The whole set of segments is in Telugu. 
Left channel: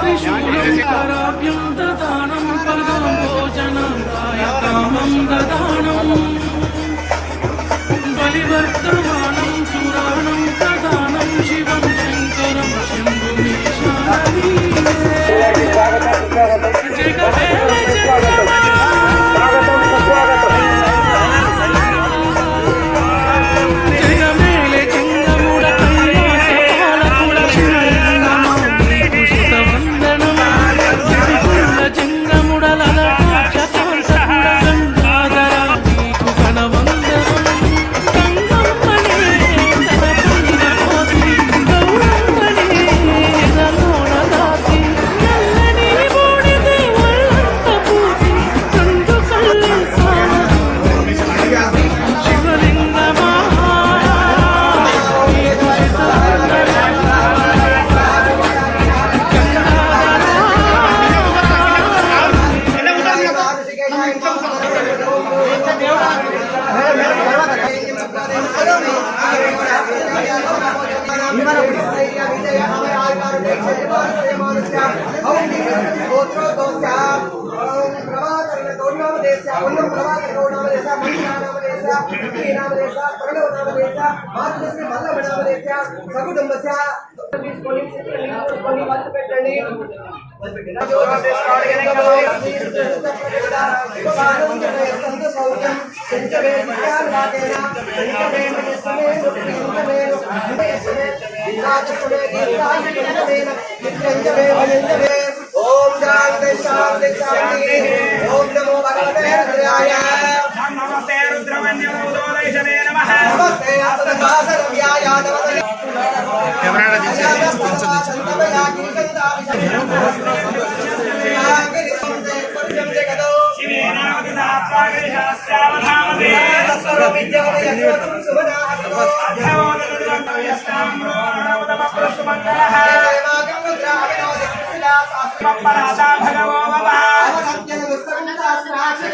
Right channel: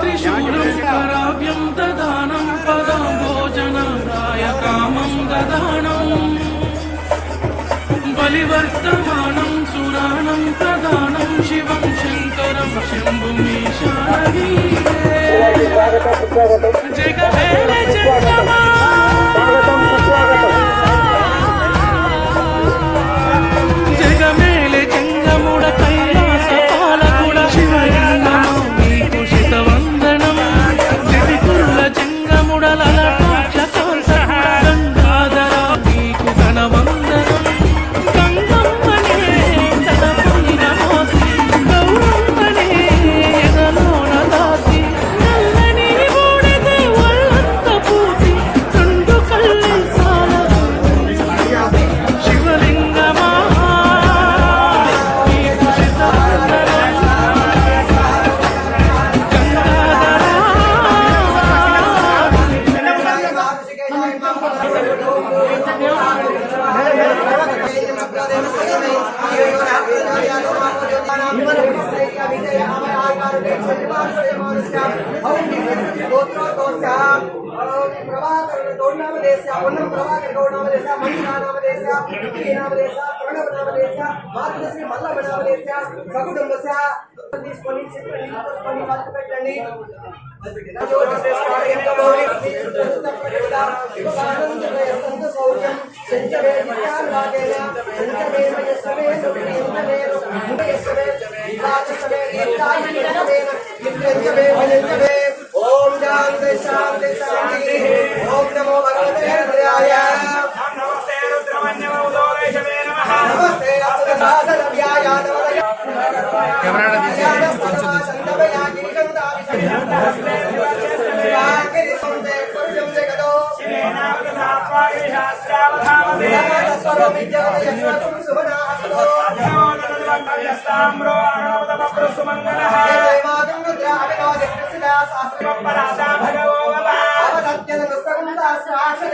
త్రిశూలం కరాభ్యం దదానం పదం భోజనం రాయకామం దదానం. బలివర్తమానం సురాణం ప్రధానం శివం శంకరం శంభుమీశానవీ జగవేల జంగముడ లలటాక్ష కాంతకుడ గంగాధర ಗೋತ್ರ తీసుకొని తీసుకొని వంతు పెట్టండి ఓం శాంతి శాంతి శాంతి ఓం నమో భగవతే రుద్రాయ నమస్తే రుద్రమన్యోదోదైషవే నమః నమస్తే అస్తదాసరవ్యాయ నమస్తే శివేనావగతాత్వాగరిశాస్త్రావధామతే అభ్యోదనుదంతవ్యస్తామ్రో అణోదమపురుషుమంగళః పరాదా భగవో వవ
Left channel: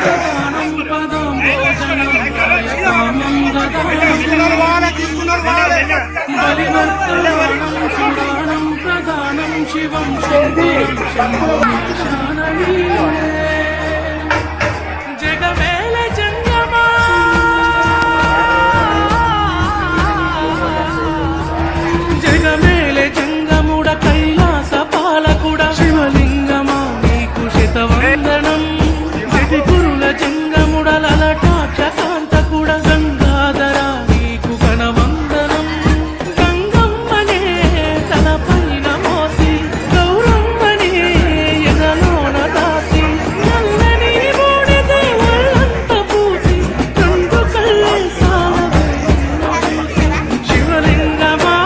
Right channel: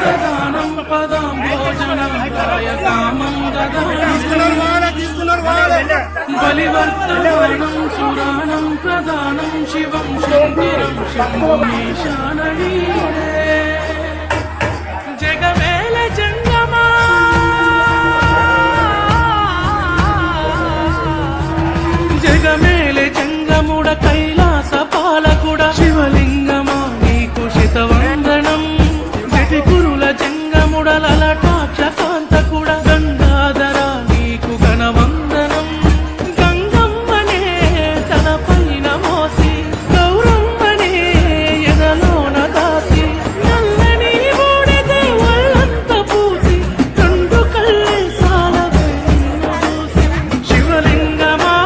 హర దదానం పదం భోజనం రాయకామం దదానం బలివర్తమానం సురాణం ప్రధానం శివం శంకరం శంభుమీశానవీరే జగమేల జంగమా. జగమేలే జంగముడ కైలాస పాలకుడ. శివలింగమా నీకు శతవందనం. జటికురుల జంగముడ కూడా కాంతకుడ గంగాధర నీకు కనవందనం గంగమ్మనే తల పైన మోసి గౌరమ్మనే ఎదలోన దాసి నల్లని బూడిదే ఒళ్ళంత పూసి రెండు కళ్ళే సాలవే చూసి శివలింగమా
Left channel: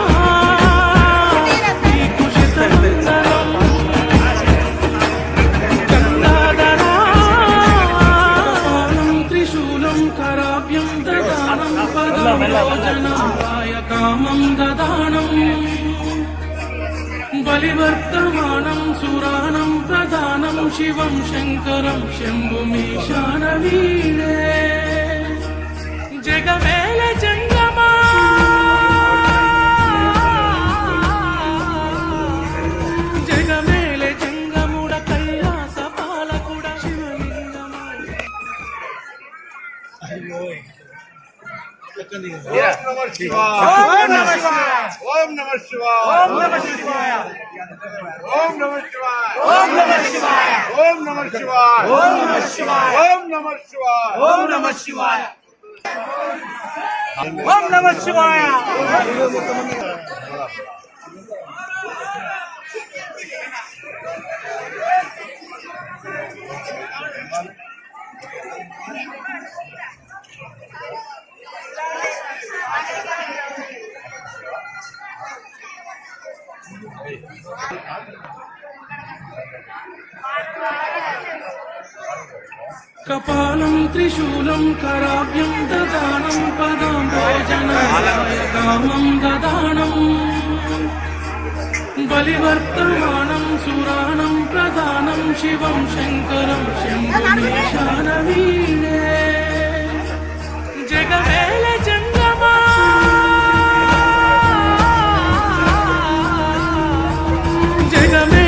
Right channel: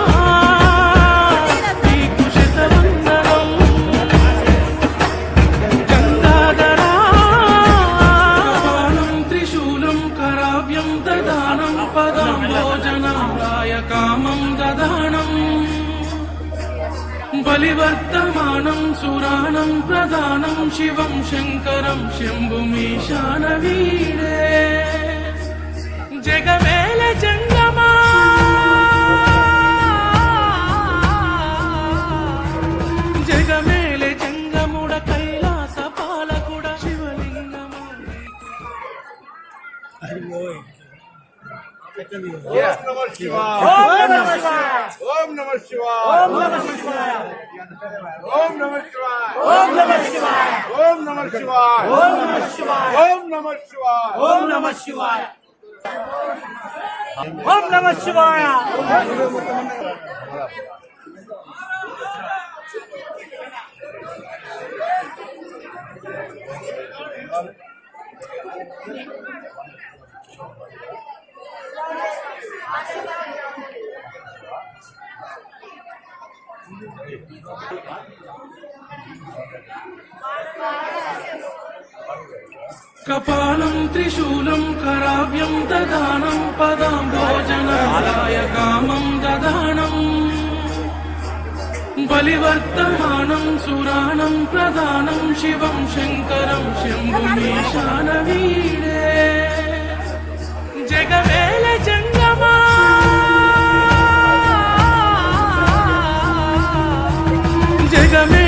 बलिवर्तमानं सुराणं प्रदानं शिवं शङ्करं शम्भुमीशानवीरे जगमेल जङ्गमा జగమేలే జంగముడ కైలాస పాలకుడ శివలింగమా ఓం నమ శివాయ ఓం నమ శివాయ ఓం నమ శివాయ ఓం నమ శివాయ ఓం నమ శివాయ ఓం నమ శివాయ ఓం నమ శివాయ ఓం నమ శివాయ ఓం నమ శివాయ కపాలం త్రిశూలం కరాభ్యం దదానం పదాం భోజనాయ కామం దదానం. బలివర్తమానం సురాణం ప్రధానం శివం శంకరం శంభుమీశాన వీణే జగవేల జంగమా. జగమే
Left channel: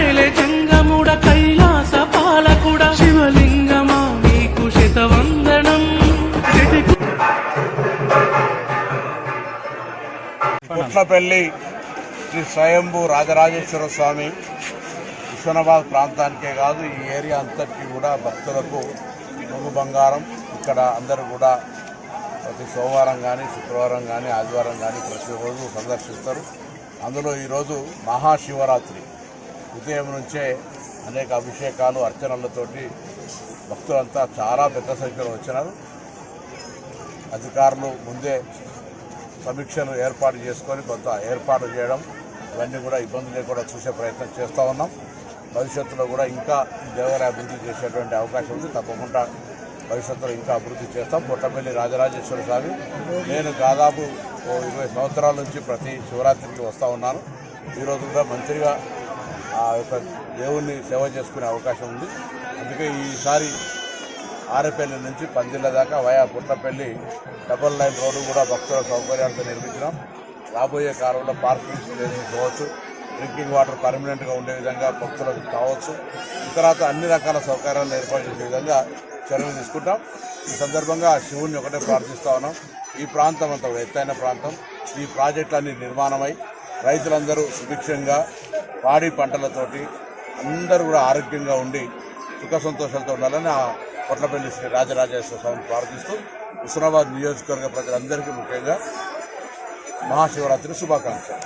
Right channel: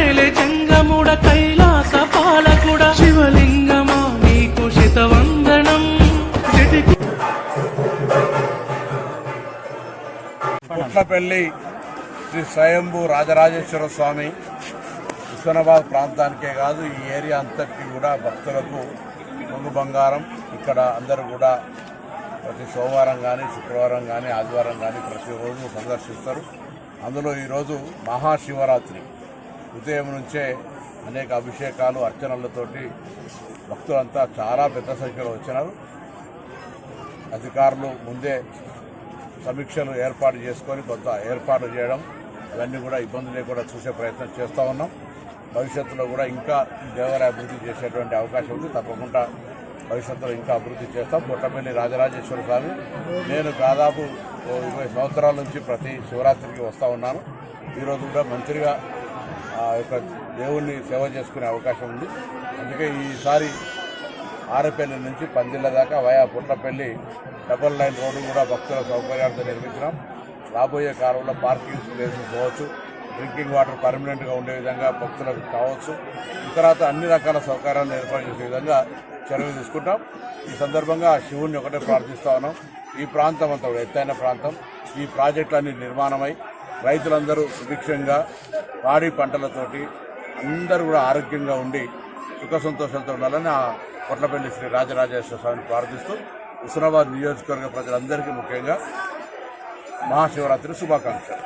జంగముడ కైలాస పాలకుడ. శివలింగమా నీకు శతవందనం. జటికు పుట్లపల్లి శ్రీ స్వయంభూ రాజరాజేశ్వర స్వామి హుస్నాబాద్ ప్రాంతానికే కాదు ఈ ఏరియా అంతటికి కూడా భక్తులకు ముందు బంగారం. ఇక్కడ అందరూ కూడా ప్రతి సోమవారం కానీ శుక్రవారం కానీ ఆదివారం కానీ ప్రతిరోజు సందర్శిస్తారు. అందులో ఈరోజు మహాశివరాత్రి. ఉదయం నుంచే అనేక అభిషేకాలు అర్చనలతోటి భక్తులంతా చాలా పెద్ద సంఖ్యలో వచ్చినారు. అధికారులు ముందే సమీక్షలు ఏర్పాటు చేసుకొని కొంత ఏర్పాటు చేయడం ఇవన్నీ కూడా ఇబ్బంది లేకుండా చూసే ప్రయత్నం చేస్తూ ఉన్నాం. భవిష్యత్తులో కూడా ఇంకా దేవాలయ అభివృద్ధి చేసేటువంటి అవకాశం ఉంది. తప్పకుండా భవిష్యత్తులో ఇంకా అభివృద్ధి చేస్తాం. పుట్టపల్లి రాజరాజేశ్వర స్వామి నేను దాదాపు ఓ ఇరవై సంవత్సరాల నుంచి ప్రతి శివరాత్రికి వస్తూ ఉన్నాను. ఈరోజు కూడా మంత్రిగా ఆ యొక్క దేవుణ్ణి సేవ చేసుకునే అవకాశం ఉంది. అందుకే ఈసారి ఆరేపల్లి నుంచి పందిళ్ళ దాకా via Putlapalli double line road కూడా భక్తుల సౌకర్యాలతో నిర్మించినాం. రాబోయే కాలంలో పార్కింగ్ ప్లేసెస్ కావచ్చు డ్రింకింగ్ వాటర్ పర్మనెంట్గా ఉండే విధంగా భక్తులకు కావచ్చు. తర్వాత అన్ని రకాల సౌకర్యాలను ఏర్పాటు చేసే విధంగా చర్యలు తీసుకుంటాం. ఈ సందర్భంగా శివుణ్ణి ఒకటే ప్రార్థిస్తా ఉన్నాం. ఈ ప్రాంతం అంతా కూడా ఎత్తైన ప్రాంతం. ఈ ప్రాజెక్టులన్నీ నిర్మాణమై రైతులందరూ సుభిక్షంగా పాడి పంటలతోటి అందరూ కూడా ఆరోగ్యంగా ఉండి సుఖ సంతోషాలతో ఉండాలని ఆ కొట్లపల్లి శ్రీ రాజరాజేశ్వర స్వామిని ప్రార్థిస్తూ హుస్నాబాద్ నియోజకవర్గ ప్రజలందరికీ ముఖ్యంగా మహాశివరాత్రి శుభాకాంక్షలు.